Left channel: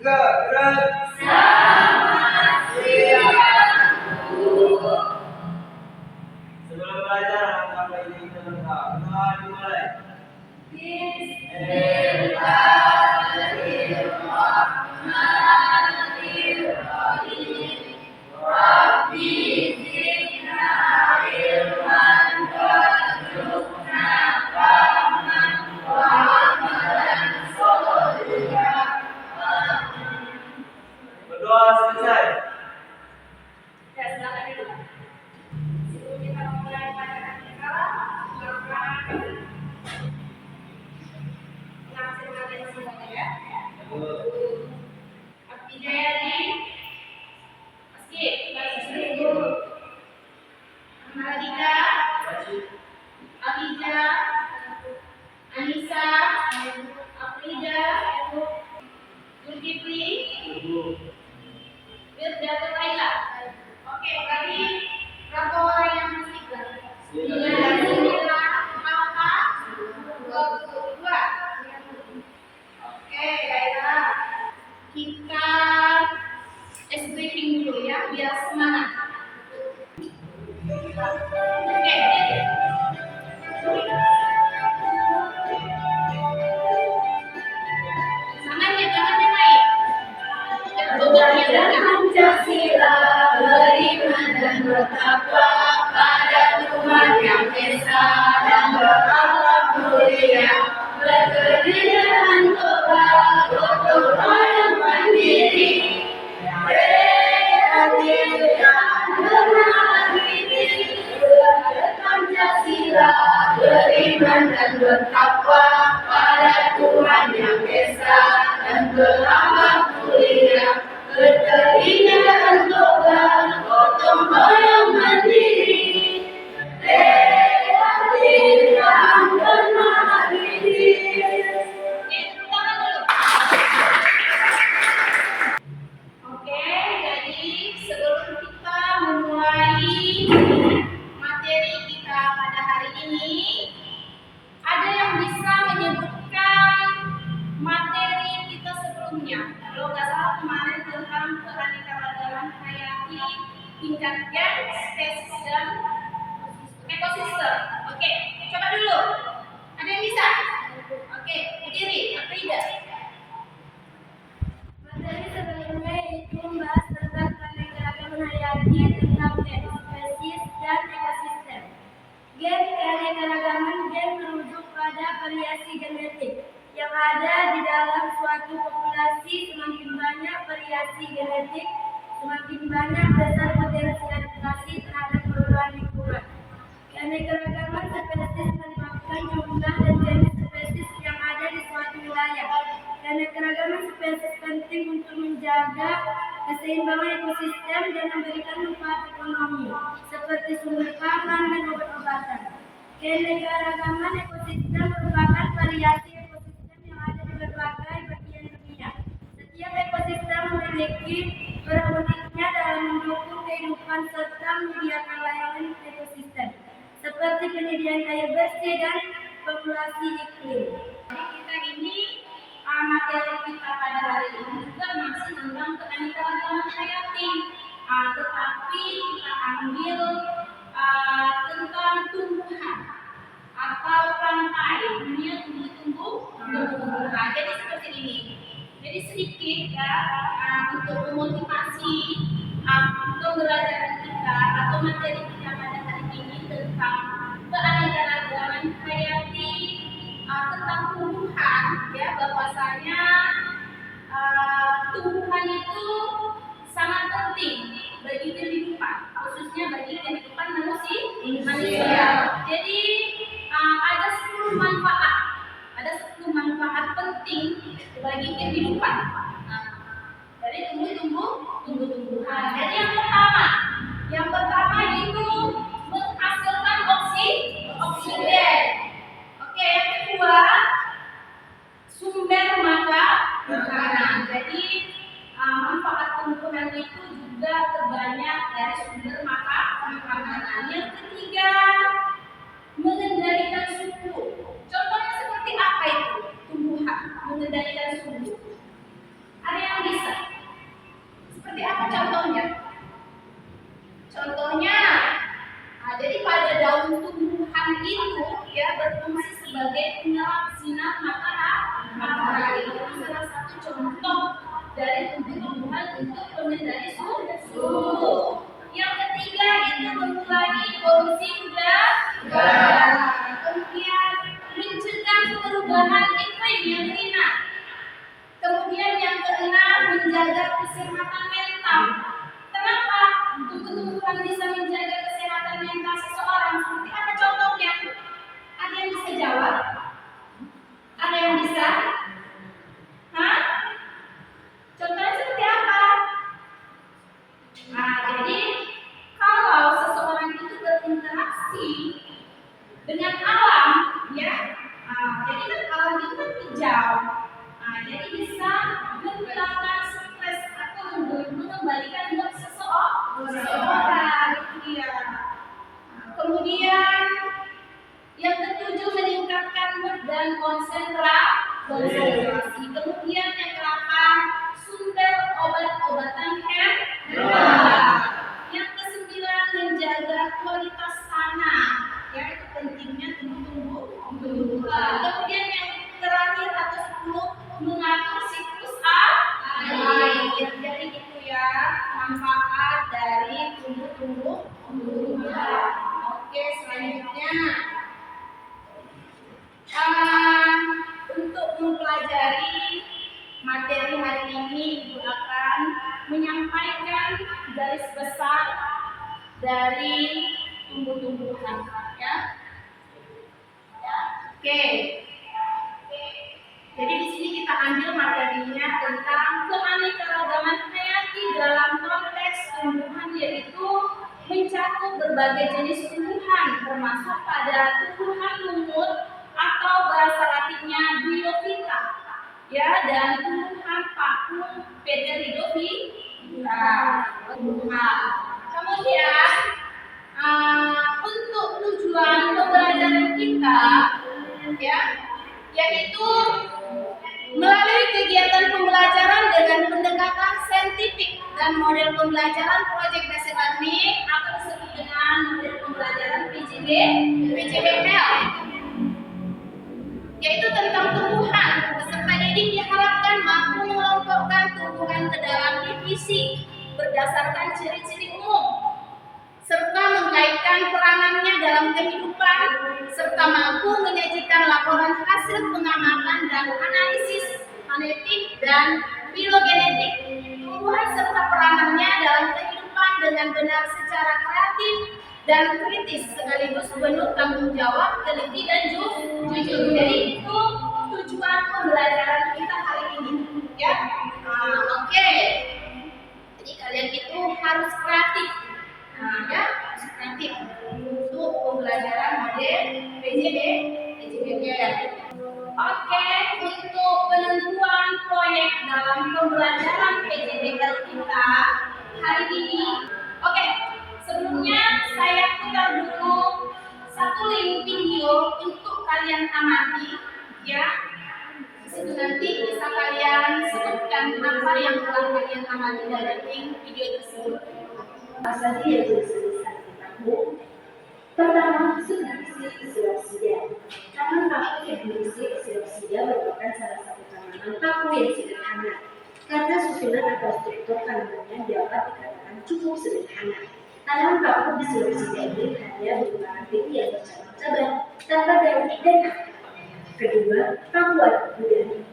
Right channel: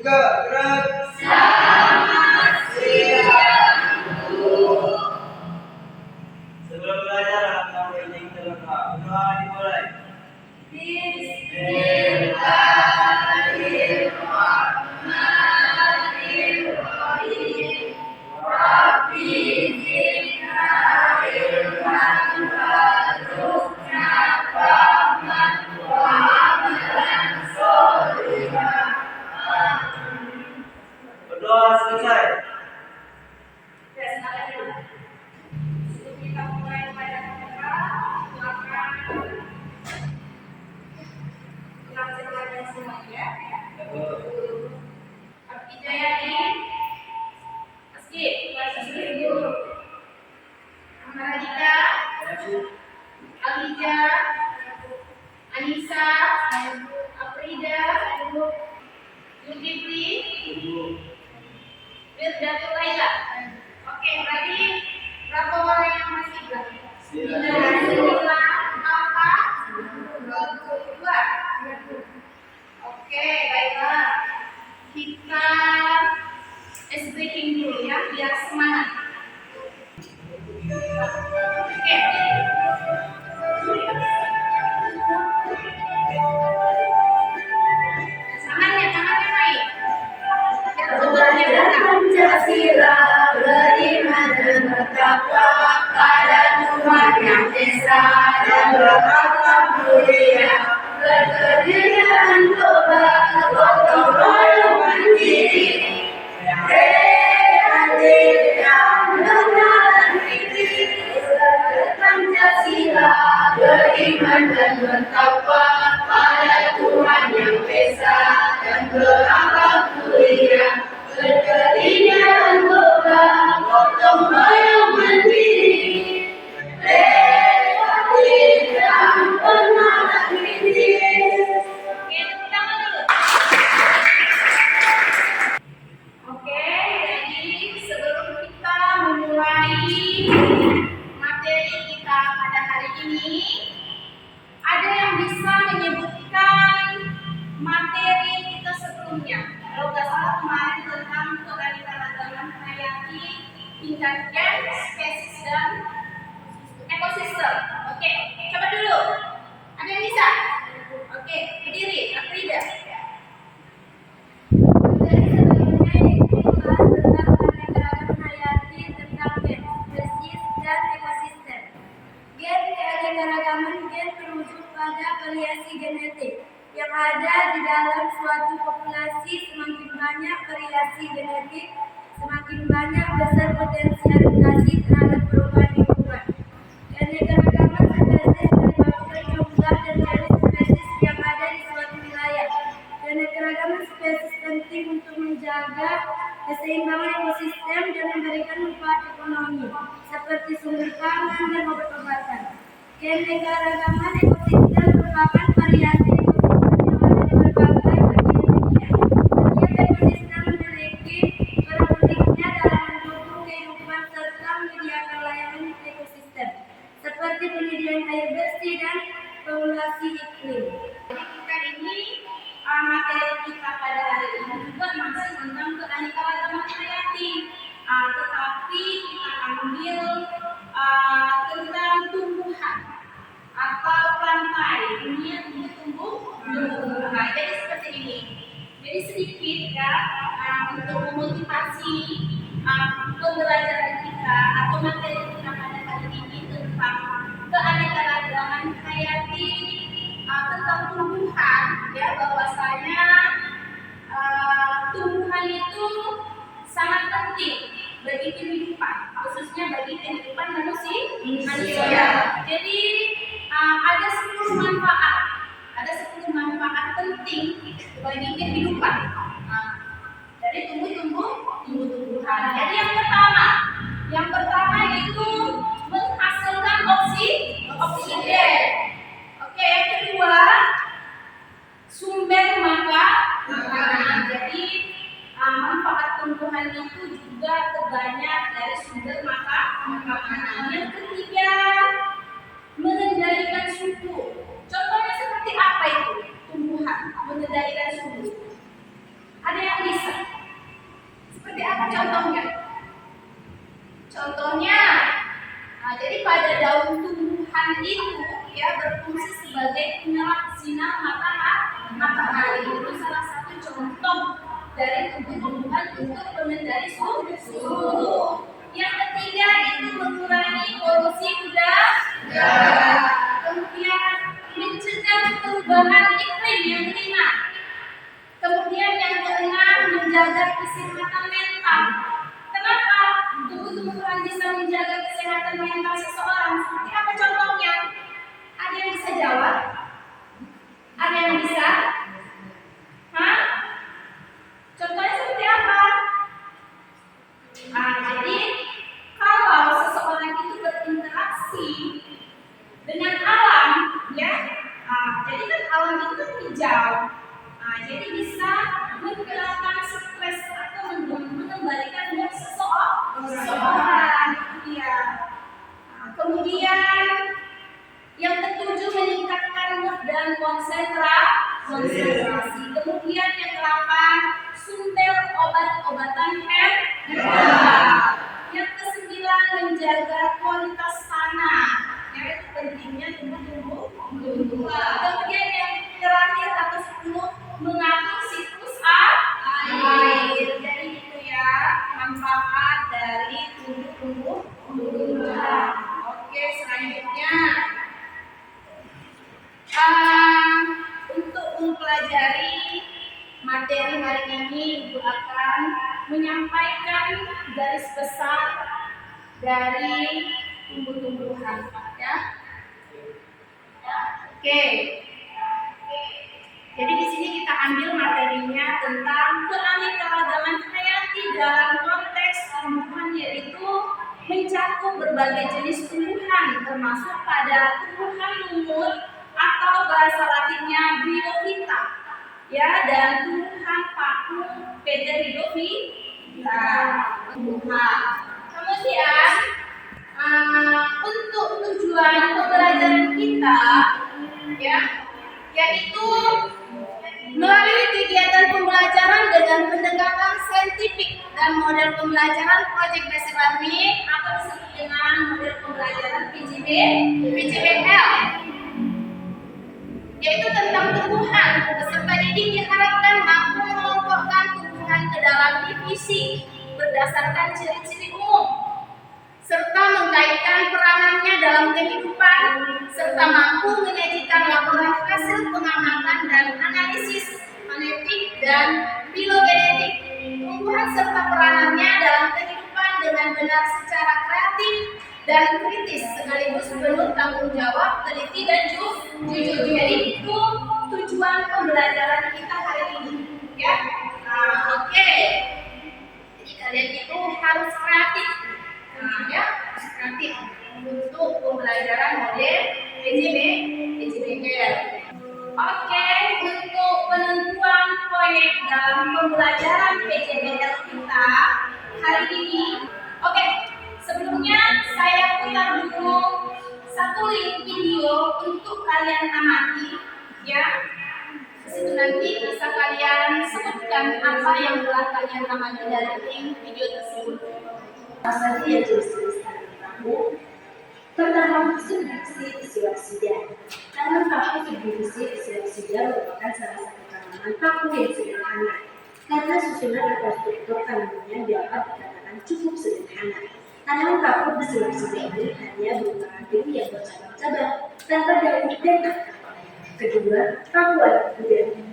Tiga, gerak. Selamat siang, Bu. Sebelum belajar, apa ini kita berdoa. Berdoa dimulai. Bismillahirrahmanirrahim. Rabbi zidna ilman warzuqna fahman wa amalan sholihan. Berdoa selesai. Silakan dulu. Sebelum kita mulai pada kita, silakan mengambil kalian semuanya ya. Abdi Jayadi, Meski, Ibu, Mahardika, Alija, Anissa, Afrida, Zulkifli, Firdatul Laila. Oke, tadi berapa orang yang masih belajar? 9 apa? 22. Oke, baiklah. Kita breaking dulu ya, biar semangat. Oke. Tangannya naik. Pancasila, beriman dan bertakwa pada Tuhan Yang Esa dan berakhlak mulia, berkegiatan toba, gotong royong mandiri, kreatif dan bernalar kritis. Pancasila, beriman dan bertakwa pada Tuhan Yang Esa dan berakhlak mulia, berkegiatan toba, gotong royong mandiri, kreatif dan bernalar kritis. Oke, jadi sebelum kita memulai materi kita pada hari ini, ada yang bisa menyebutkan materi kita sebelumnya? Kalau nggak salah kemarin tentang keanekaragaman hayati tingkat gen, spesies dan ekosistem. Oke, coba dulu. Ada yang bisa? Oke, berdiri. Afrida. Materi sebelumnya yaitu membahas tentang keanekaragaman hayati tentang gen, spesies, dan ekosistem. Gen keanekaragaman gen merujuk pada variasi genetik yang ada di dalam suatu populasi. Semakin banyak variasi genetik, semakin banyak besar potensi adaptasi terhadap perubahan lingkungan. Keanekaragaman spesies melibatkan jumlah dan jenis spesies yang ada di suatu wilayah. Keanekaragaman spesies penting untuk menjaga keseimbangan ekosistem dan memberikan manfaat ekonomi, seperti sumber pangan dan obat-obatan. Keanekaragaman ekosistem merupakan variasi ekosistem yang ada di berbagai bagian dunia. Setiap ekosistem memiliki peran uniknya dalam mendukung kehidupan serta menyediakan layanan ekosistem, seperti penyediaan air bersih dan regulasi iklim. Jadi kita ini materi kita pada hari ini juga masih tentang keanekaragaman hayati, tetapi kita ambil tentang tumbuhan atau rantai dunia tumbuh-tumbuhan. Jadi seperti ini. Jadi sedikit ya untuk memotivasi pembelajaran kita atau materi kita pada hari ini tentang keanekaragaman hayati tentang tumbuhan, ya, bahwasanya tumbuhan itu sangat penting bagi kehidupan, khususnya bagi kehidupan manusia. Jadi ada 10 manfaat, penting bagi kehidupan dari tumbuh-tumbuhan. Jadi yang pertama itu menghasilkan oksigen. Oke, yang kedua sumber makanan. Jadi manfaat tumbuhan itu juga terbanyak dari sumber makanan. Yang ketiga, mengendalikan suhu. Contohnya seperti apa itu? Tumbuhan mengendalikan suhu. Ada yang bisa contoh dari tumbuh-tumbuhan untuk pengendali suhu. Yang ketiga itu mengurangi polusi udara. Kemudian mencegah perubahan iklim. Yang kelima. Kemudian yang keenam menjaga kesehatan mental. Kenapa tumbuh-tumbuhan bisa menjaga kesehatan mental seseorang? Seperti apa contohnya? Ada yang bisa jawab? Ada yang bisa? Hah? Contohnya seperti apa? Nah, jadi kalau seseorang itu berinteraksi dengan alam, ya, jadi kan alam itu kan hijau. Jadi bisa menghilangkan stres atau mengembalikan mood seseorang. Ya. Kemudian yang ketujuh meningkatkan mood dan konsentrasi. Kemudian yang ke-8 sumber obat-obatan herbal. Yang ke-9 menjaga kualitas tanah. Ya, itu pentingnya tumbuh-tumbuhan. Kemudian yang terakhir atau 10 mengatur siklus air. Jadi itu ya manfaat dari tumbuh-tumbuhan. Oke, selanjutnya untuk mempelajari materi hari ini, Ibu akan menyampaikan garis besar dari tumbuh-tumbuhan, ya. Oke. Jadi di sini kita ambil materinya tentang keanekaragaman hayati dalam konteks tumbuhan, yaitu mencakup berbagai jenis tumbuhan, termasuk pada tumbuhan lumut atau bahasa latinnya biofita, ya, dan tumbuhan paku Pteridophyta, tumbuhan. Kemudian untuk tujuan pembelajaran kita, ya, yaitu melalui kegiatan pembelajaran dengan pendekatan saintifik dan model pembelajaran project based learning atau disebut dengan model pembelajaran PJBL, yaitu tentang tumbuhan. Peserta didik diharapkan mampu mengelompokkan tumbuhan ke dalam divisi berdasarkan ciri-ciri umum, serta mengkaitkan peranannya dalam kehidupan, serta mampu menyajikan laporan hasil pengamatan dan analisis genetik dan filogenetik tumbuhan serta peranannya dalam kehidupan dengan benar secara kreatif dan kritis, sekaligus penuh tanggung jawab, teliti dan jujur. Jadi itu tujuan pembelajaran kita hari ini, ya. Oke. Jadi kalian itu harus kreatif. Ya, kreatif untuk pembelajaran model PJBL. Oke, untuk penentuan proyek dalam pembelajaran PJBL kita hari ini. Oke, sebelumnya saya putar dulu satu link video untuk kalian amati, ya. Disitu nanti bisa kalian sebutkan apa yang telah kalian amati dari link video tersebut. Asal dia tulis-tulisan kamu. Pertama, subdivisi Psilocyida. Tanaman paku subdivisi Psilocyida merupakan salah satu tanaman paku yang sederhana, karena susunan atau struktur tanamannya dapat dikatakan cukup sederhana. Tanaman paku Psilocyida ini hanya berupa ranting yang bercabang-cabang tanpa daun dan akar. Kedua, pakuan budaya.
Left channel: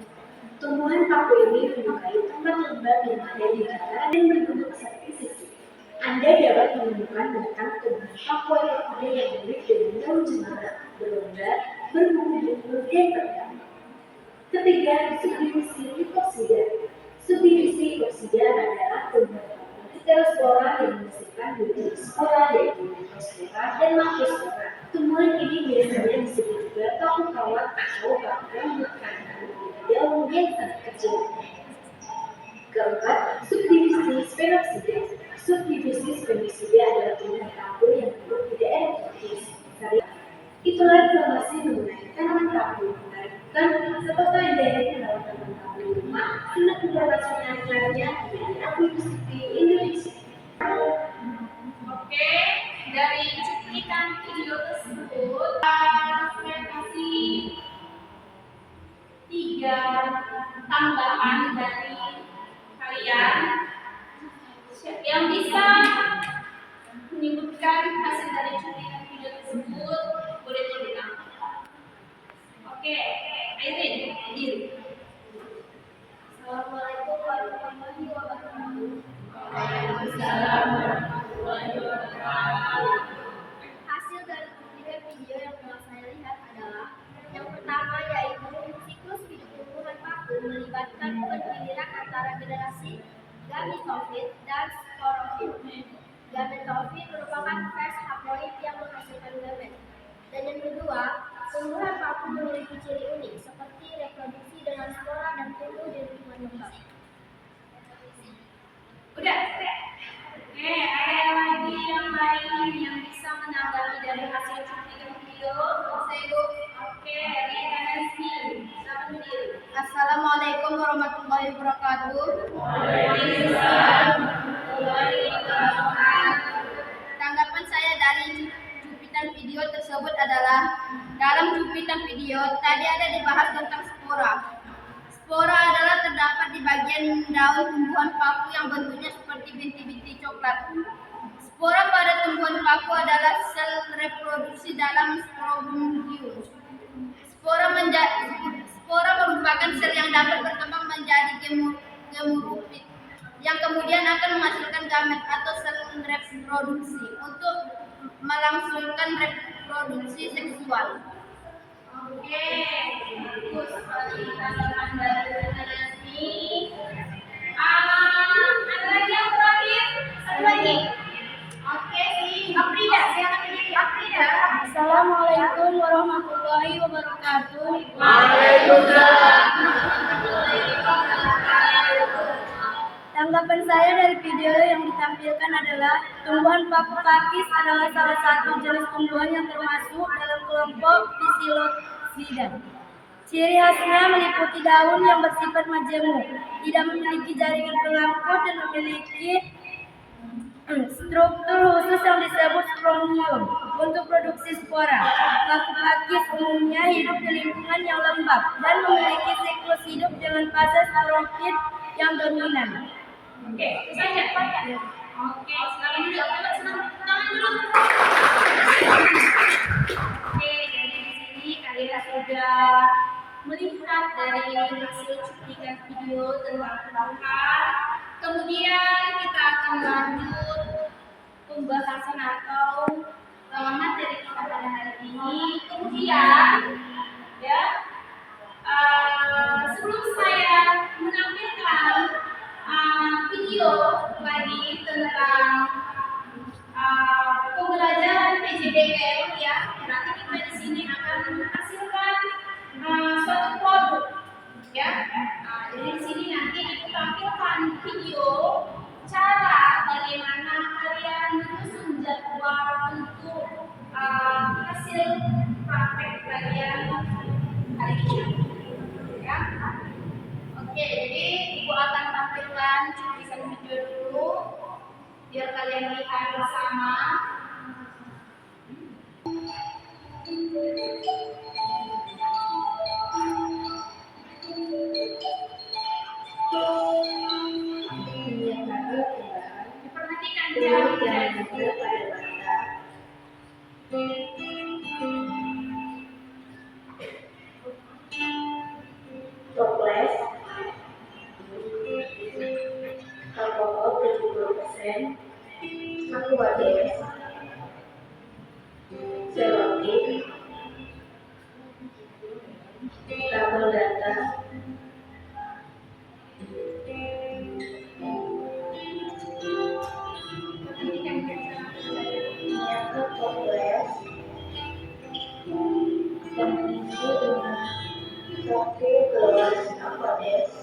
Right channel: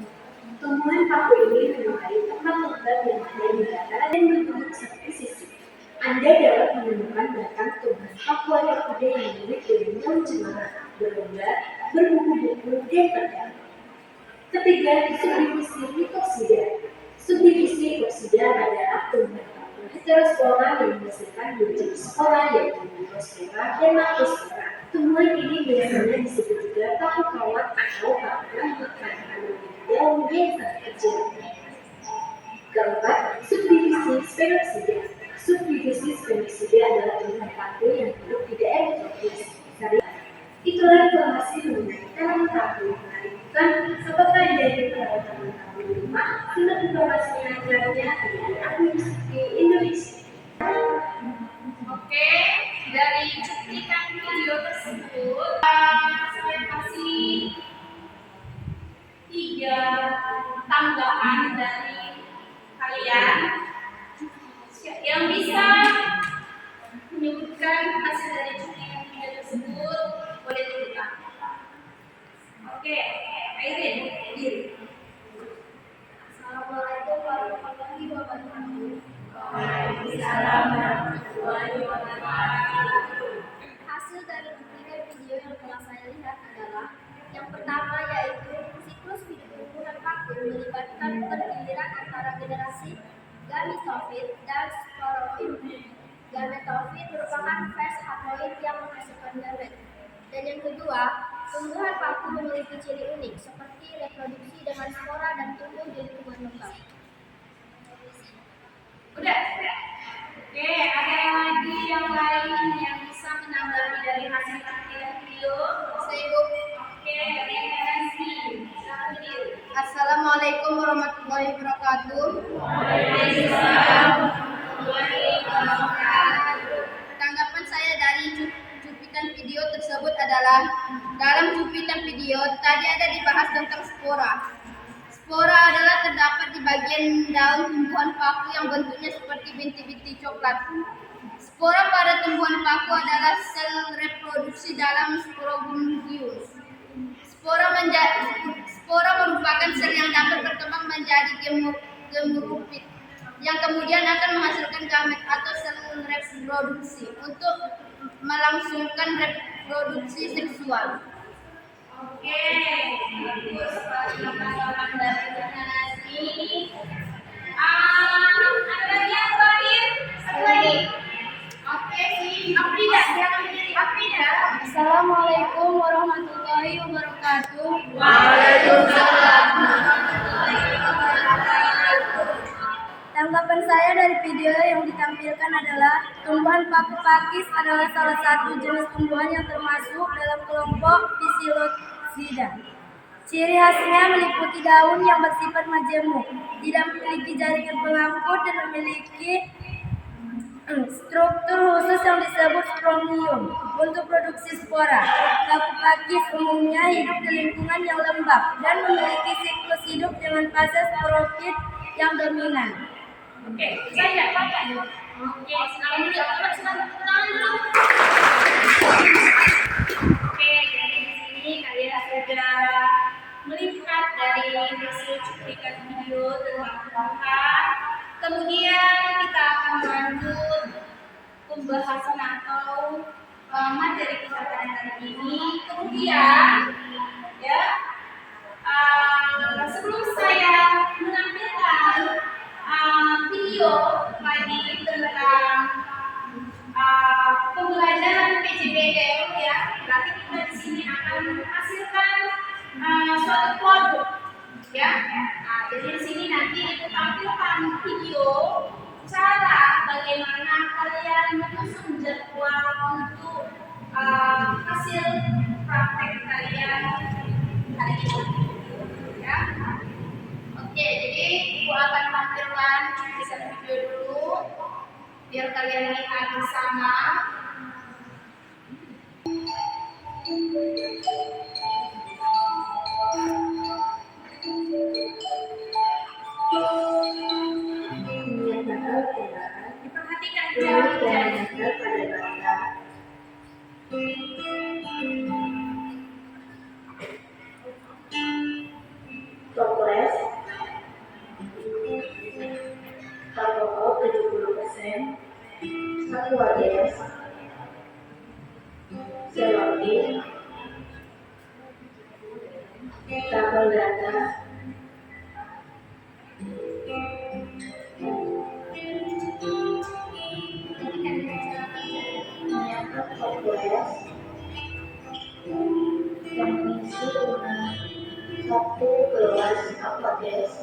Tumbuhan paku ini menyukai tempat lembab yang ada di dataran dan berbentuk seperti sisik. Anda dapat menemukan batang tumbuhan pakuan orkide yang mirip dengan daun cemara, berlonggar, berbuku-buku, dan tegang. Ketiga, subdivisi Lycospora. Subdivisi Lycospora adalah tumbuhan paku heterospora yang menghasilkan dua jenis spora, yaitu Lycospora dan Macrospora. Tumbuhan ini biasanya disebut juga paku kawat atau paku rambut karena memiliki daun yang sangat kecil. Keempat, subdivisi Sphaeroxida. Subdivisi Sphaeroxida adalah tumbuhan paku yang hidup di daerah tropis. Itulah informasi mengenai tanaman paku yang menarik, bukan? Apakah Anda ingin merawat tanaman paku di rumah? Simak informasinya lainnya di Akuisiti Indonesia. Oke, dari cuplikan video tersebut saya kasih 3 tambahan dari warahmatullahi wabarakatuh. Waalaikumsalam warahmatullahi wabarakatuh. Hasil dari cuplikan video yang telah saya lihat adalah yang pertama yaitu siklus hidup tumbuhan paku melibatkan pergiliran antara generasi gametofit dan sporofit. Gametofit merupakan fase haploid yang menghasilkan gamet. Dan yang kedua, tumbuhan paku memiliki ciri unik seperti reproduksi dengan spora dan tumbuh di lingkungan lembab. Udah. Oke, ada yang lagi yang lain yang bisa menanggapi dari hasil cuplikan video? Saya Ibu. Oke, Rina Nasmi. Silakan video. Assalamualaikum warahmatullahi wabarakatuh. Tanggapan saya dari cuplikan video tersebut adalah dalam cuplikan video tadi ada dibahas tentang spora. Spora adalah terdapat di bagian daun tumbuhan paku yang bentuknya seperti binti-binti coklat. Spora pada tumbuhan paku adalah sel reproduksi dalam sporogundium. Spora merupakan sel yang dapat berkembang menjadi gemurufit yang kemudian akan menghasilkan gamet atau sel reproduksi untuk melangsungkan reproduksi seksual. Oke, bagus. Tanggapan dari Rina Nasmi. Ada lagi yang terakhir? Satu lagi. Oke, si Afrida. Silakan berdiri, Afrida. Assalamualaikum warahmatullahi wabarakatuh. Tanggapan saya dari video yang ditampilkan adalah tumbuhan paku pakis adalah salah satu jenis tumbuhan yang termasuk dalam kelompok Psilocida. Ciri khasnya meliputi daun yang bersifat majemuk, tidak memiliki jaringan pengangkut dan memiliki struktur khusus yang disebut sporonium untuk produksi spora. Paku pakis umumnya hidup di lingkungan yang lembab dan memiliki siklus hidup dengan fase sporofit yang dominan. Oke, itu saja. Oke, silakan dulu. Silakan dulu. Oke, jadi di sini kalian sudah melihat dari hasil cuplikan video tentang tumbuhan. Kemudian kita akan lanjut pembahasan atau materi kita pada hari ini. Kemudian, ya, sebelum saya menampilkan video lagi tentang pembelajaran PJBL, ya, berarti kita di sini akan menghasilkan suatu produk, ya. Jadi di sini nanti ibu tampilkan video cara bagaimana kalian menyusun jadwal untuk hasil praktek kalian hari ini, ya. Oke, jadi ibu akan tampilkan cuplikan video dulu biar kalian lihat bersama. Diperhatikan cara-cara. Toples alkohol 70%, Aquades, Celonik, tabel data, nyatet toples yang diisi dengan 1 gelas Aquades,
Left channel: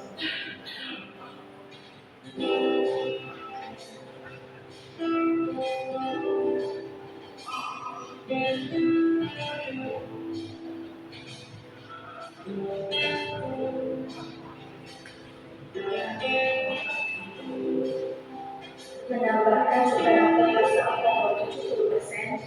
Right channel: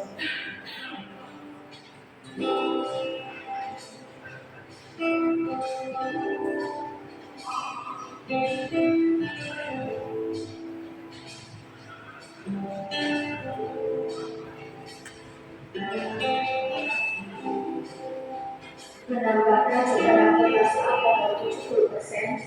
menambahkan sekarang rasa alkohol 70%,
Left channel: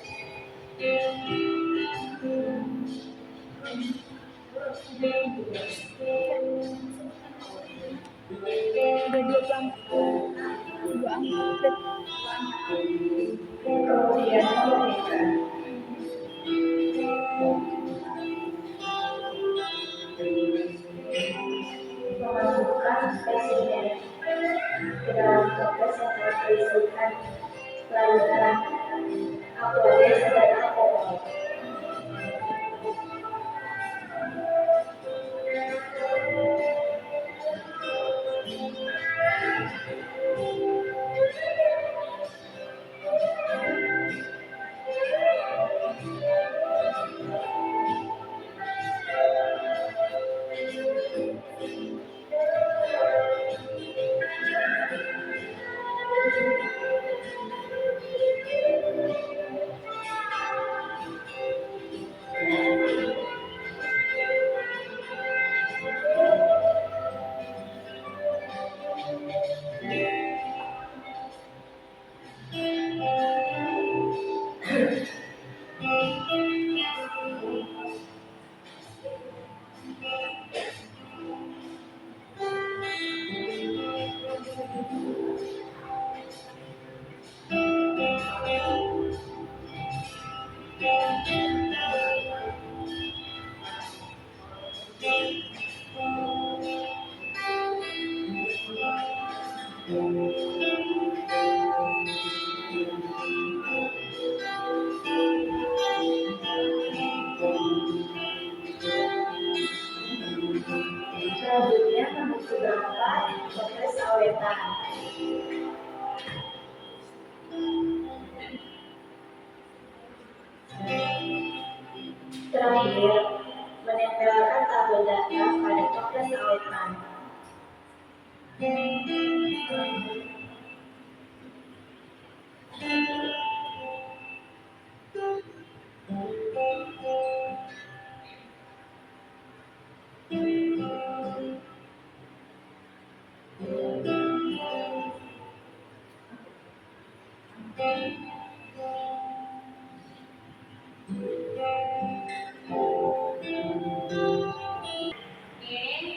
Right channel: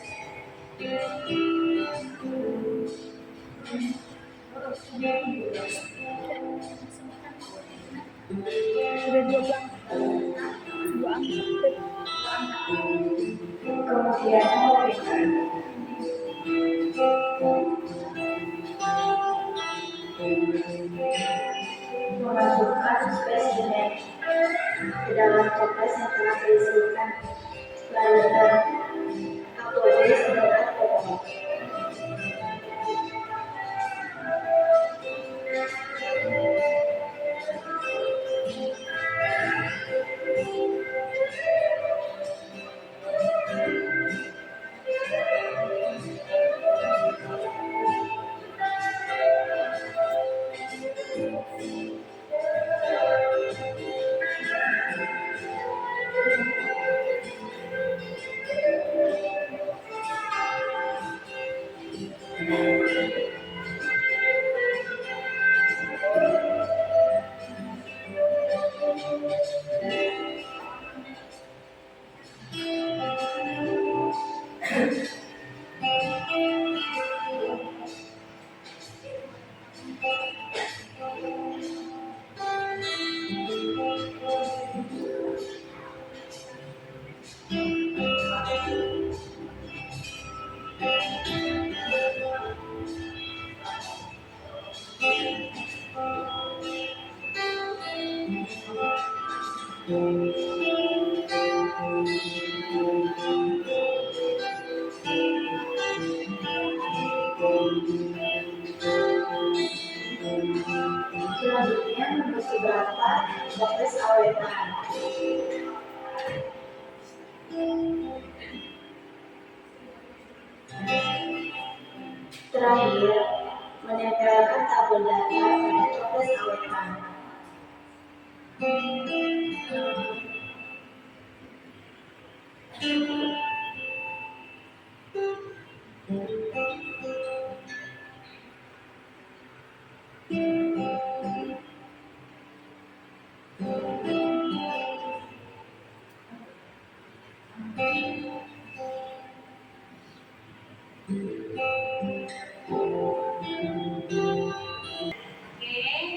Udah dua angka. kemudian memberikan memasukkan spesimen selesaikan pelajaran aku aja saudara pokok. Selanjutnya menuju berangkat proses awetan. Terakhir, menempelkan tabel data pada toples awetan.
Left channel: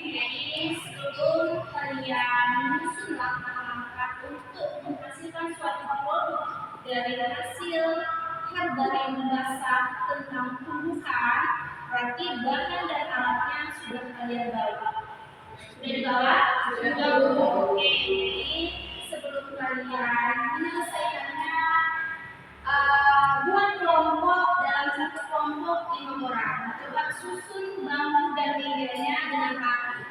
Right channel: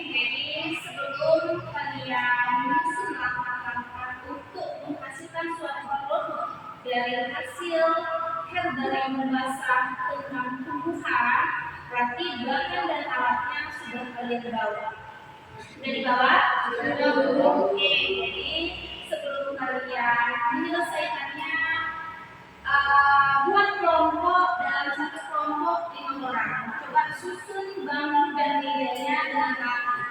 Jadi sebelum kalian menyusun langkah-langkah untuk menghasilkan suatu produk dari hasil herbarium basah tentang tumbuhan, berarti bahan dan alatnya sudah kalian bawa. Sudah dibawa? Sudah. Oke, jadi sebelum kalian menyelesaikannya, buat kelompok dalam satu kelompok 5 orang. Coba susun bambu dan mejanya dengan rapi,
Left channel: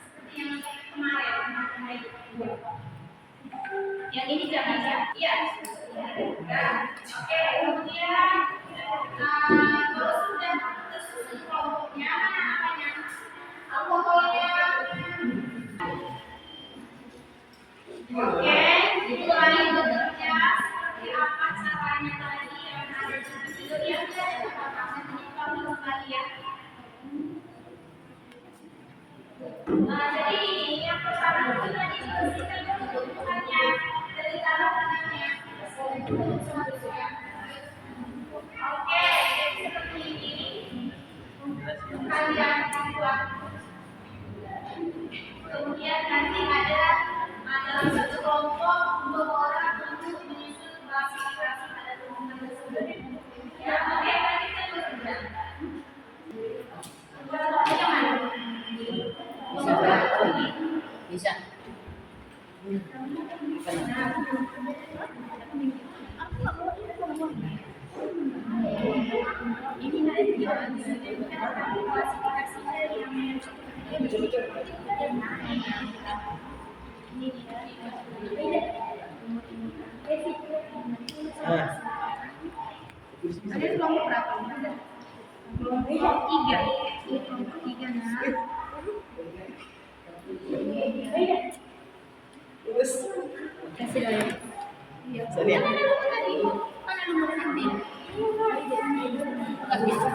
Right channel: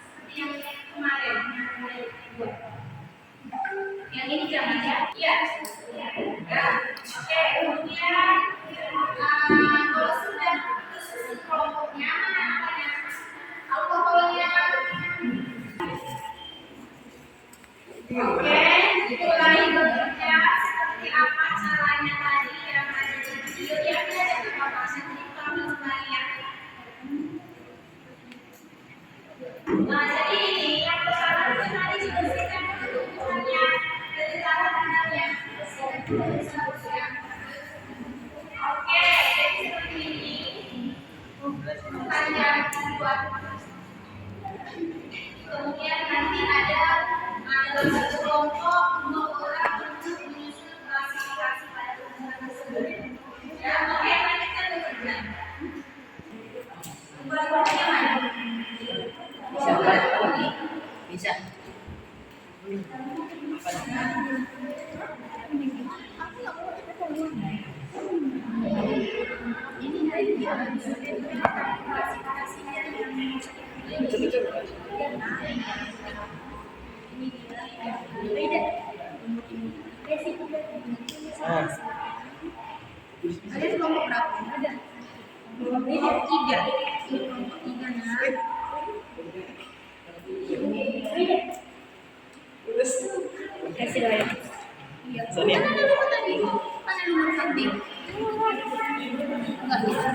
seperti yang kemarin buat. Yang ini jangan ya? Iya. Nah, oke. Kemudian kalau sudah tersusun kelompoknya, mana apanya? Alkoholnya. Oke, mulai bekerja. Seperti apa caranya tadi yang ada di video yang ada di papasan ini kami sekalian. Nah, jadi ini yang pertama itu tadi dibersihkan dulu tumbuhannya dari tanah-tanahnya. Bersihkan dulu seharusnya. Oke, jadi seperti ini. Kalian buat. Kemudian nanti ada satu kelompok 2 orang untuk menyusun klasifikasi pada tumbuhan tersebut. Ya, oke, nanti kita bekerja. Buat kelompoknya mana? Bisa. Ini dari klasifikasinya yang ini dia beda basic. Ada kelompok berapa? Ada kelompok 3. Ini kelompok 3 nah. Beda. Kasih doa. Iya. Mana lu tadi? Mana lu merhati? Enggak bisa.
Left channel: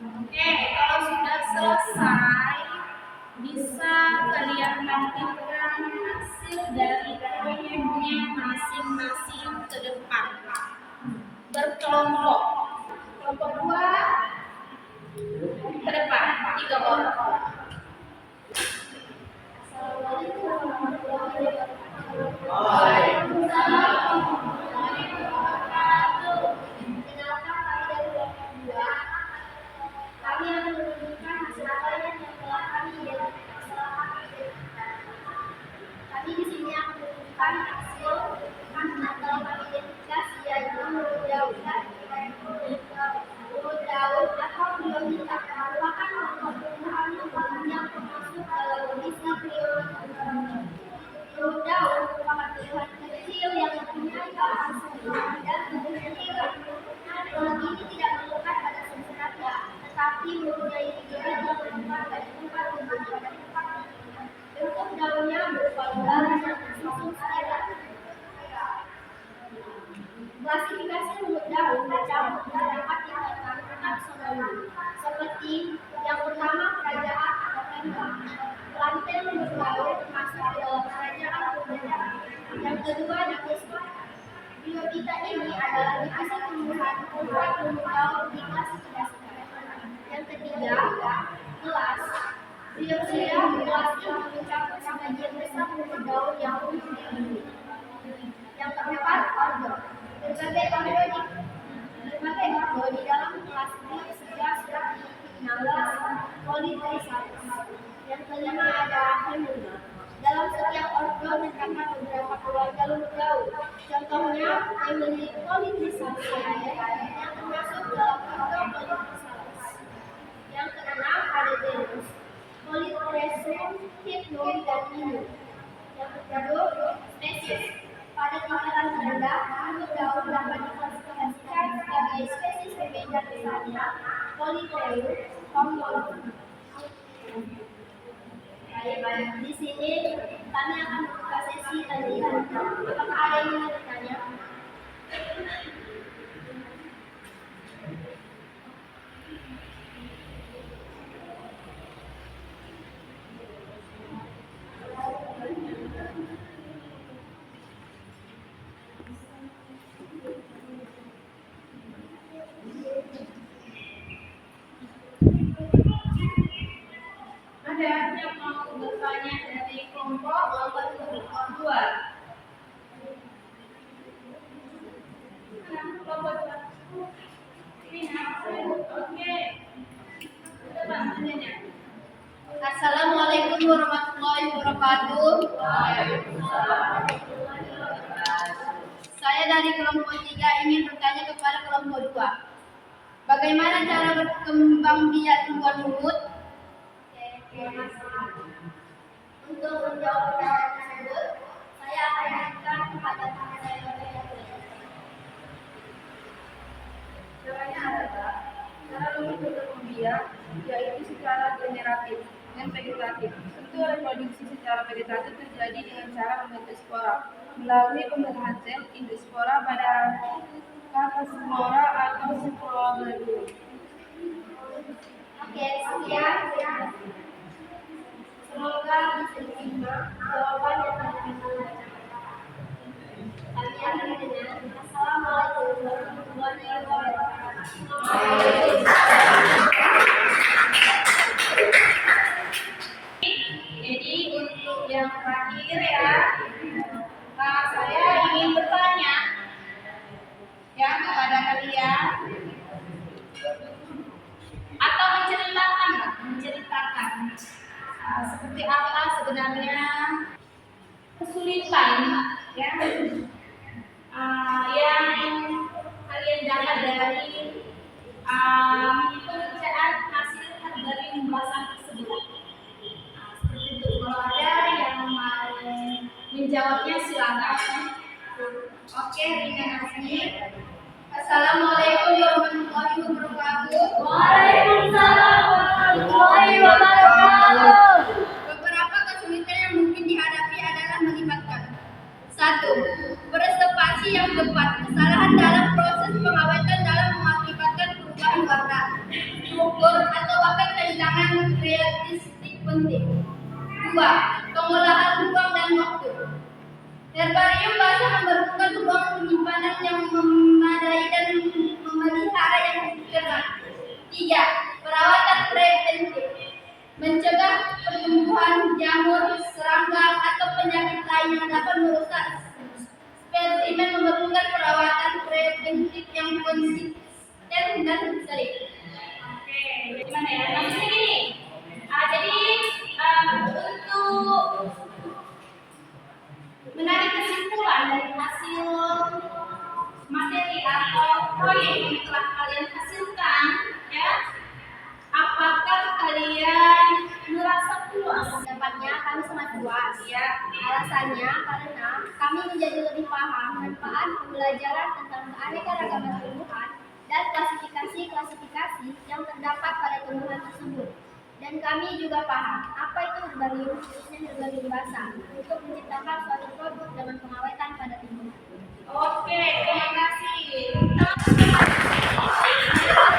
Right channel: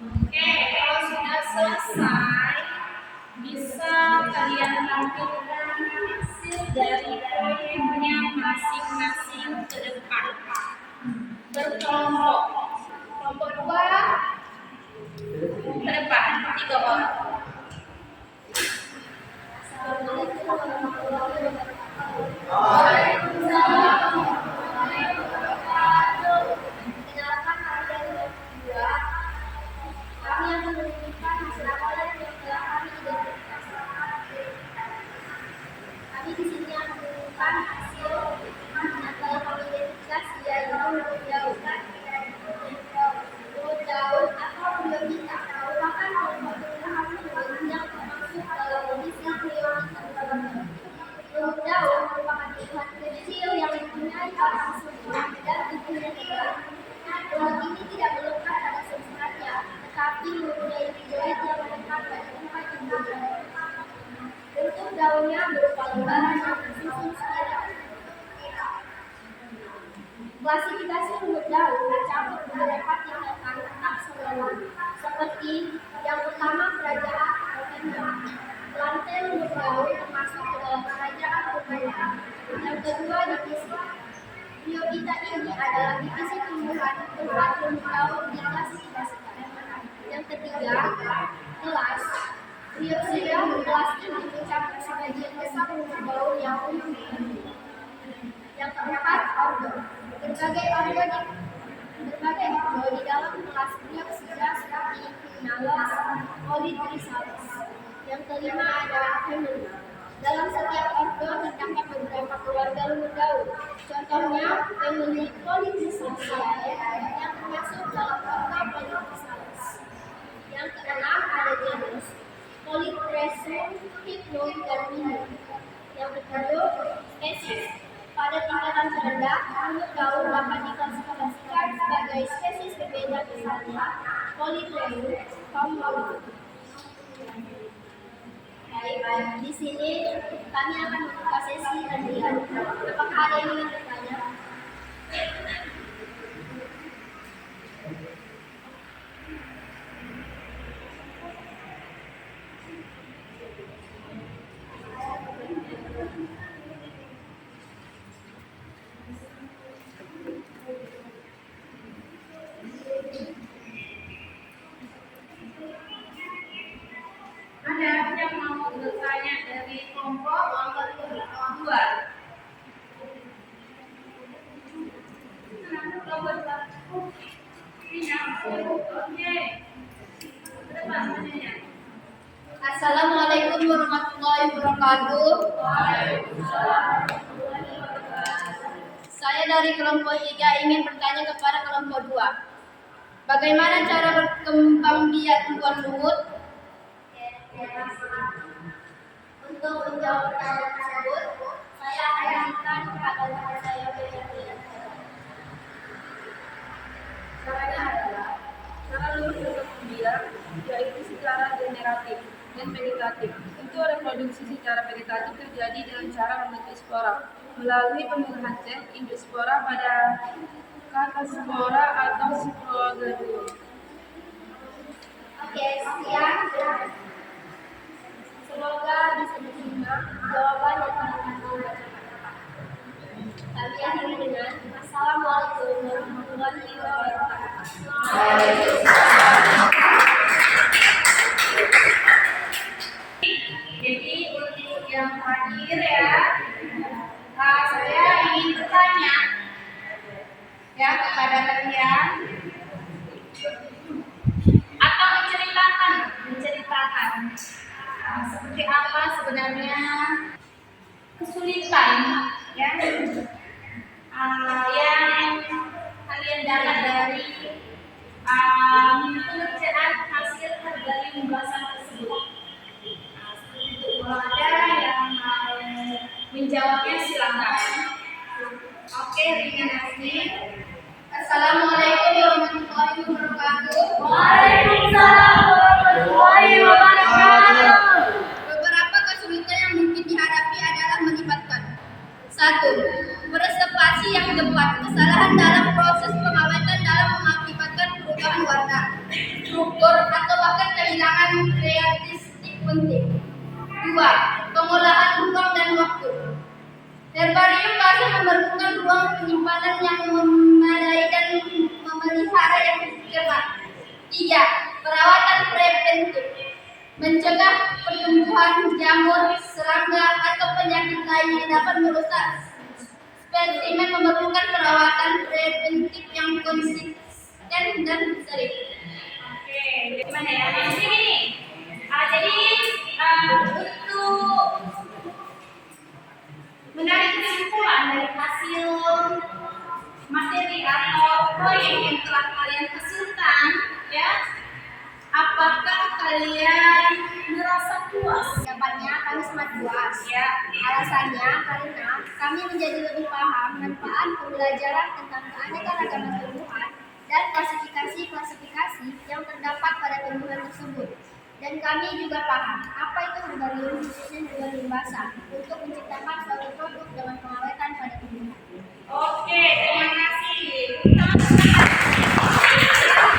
Oke, kalau sudah selesai, bisa kalian tampilkan hasil dari proyeknya masing-masing ke depan. Berkelompok. Kelompok 2 ke depan, 3 orang. Assalamualaikum warahmatullahi wabarakatuh. Waalaikumsalam. Kenalkan kami dari kelompok 2. Kami akan menunjukkan hasil proyek yang telah kami identifikasi. Kami di sini akan menunjukkan hasil yang telah kami identifikasi, yaitu lumut daun. Lumut daun atau priorita merupakan kelompok tumbuhan lumut yang termasuk dalam kondisi priorita. Lumut daun merupakan tumbuhan kecil yang mempunyai batang sempit dan tubuhnya tegak. Lumut ini tidak melekat pada substratnya, tetapi mempunyai rizoid yang melekat pada tempat tumbuhnya. Bentuk daunnya berupa lembaran yang tersusun spiral. Klasifikasi lumut daun tercakup beberapa tingkatan taksonomi, seperti yang pertama kerajaan atau kingdom. Rantai lumut daun termasuk ke dalam kerajaan Purba. Yang kedua, divisi. Biota ini adalah divisi tumbuhan tempat lumut daun diklasifikasikan. Yang ketiga, kelas. Biopsida kelas ini mencakup sebagian besar lumut daun yang umum. Yang keempat, ordo. Berbagai ordo di dalam kelas Biopsida seperti Pinnalis, Polytrichalis. Yang kelima ada family. Dalam setiap ordo terdapat beberapa keluarga lumut daun. Contohnya family Polytrichaceae yang termasuk dalam ordo Polytrichalis. Yang keenam ada genus Polytresum, Hypnum, dan Minum. Yang ketujuh spesies. Pada tingkatan terendah, lumut daun dapat diklasifikasikan sebagai spesies berbeda, misalnya Polypleum, Pomolum. Baik, di sini kami akan membuka sesi latihan. Apakah ada yang ingin bertanya? Ada yang mau bertanya dari kelompok 2? Assalamualaikum warahmatullahi wabarakatuh. Saya dari kelompok 3 ingin bertanya kepada kelompok 2. Bagaimana cara berkembang biak tumbuhan lumut? Untuk menjawab pertanyaan tersebut, saya akan berikan kepada teman saya berikut. Caranya adalah cara lumut berkembang biak, yaitu secara generatif dan vegetatif. Untuk reproduksi secara vegetatif terjadi dengan cara membentuk spora melalui pembuahan sel endospora pada kataspora atau sporoganglion. Oke, sekian. Semoga bisa diterima jawaban yang telah kami bacakan. Kami akhiri dengan Assalamualaikum warahmatullahi wabarakatuh. Jadi untuk yang terakhir ya, saya ingin bertanya ya kepada kalian atau menceritakan seperti apa sebenarnya kesulitan ya Oke, terima kasih. Assalamualaikum warahmatullahi wabarakatuh. Waalaikumsalam warahmatullahi wabarakatuh. Beberapa kesulitan yang mungkin dihadapi adalah melibatkan 1. Presepasi yang tepat. Kesalahan dalam proses pengawetan dalam mengakibatkan perubahan warna, struktur, atau bahkan kehilangan karakteristik penting. 2. Pengolahan ruang dan waktu. Herbarium bahasa memerlukan ruang penyimpanan yang memadai dan memelihara yang cermat. 3. Perawatan preventif. Mencegah pertumbuhan jamur, serangga, atau penyakit lain yang dapat merusak spesimen memerlukan perawatan preventif yang konsisten dan sering. Oke, gimana ya? Nah, di sini nih. Jadi untuk menarik kesimpulan dari hasil materi atau proyek yang telah kalian hasilkan, ya, apakah kalian merasa puas? Dapatnya kami sangat puas. Ya, Alasannya karena kami menjadi lebih paham manfaat pembelajaran tentang keanekaragaman tumbuhan dan klasifikasi-klasifikasi yang terdapat pada tumbuhan tersebut. Dan kami juga paham apa itu herbarium, khususnya herbarium basah, untuk menciptakan suatu produk dengan pengawetan pada tumbuhan. oke, terima kasih.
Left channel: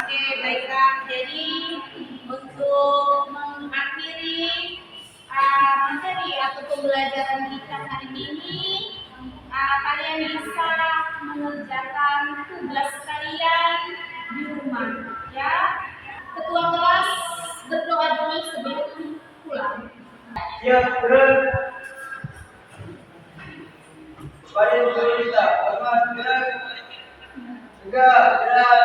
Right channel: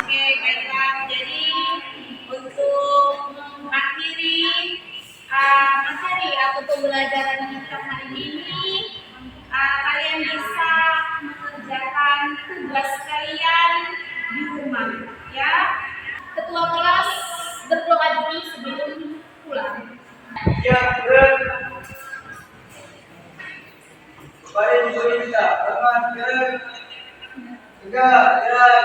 Oke, baiklah. Jadi untuk mengakhiri materi atau pembelajaran kita hari ini, kalian bisa mengerjakan tugas kalian di rumah, ya. Ketua kelas berdoa dulu sebelum pulang. Ya, berat. Baik, kita. Selamat, gerak. Tegak, gerak.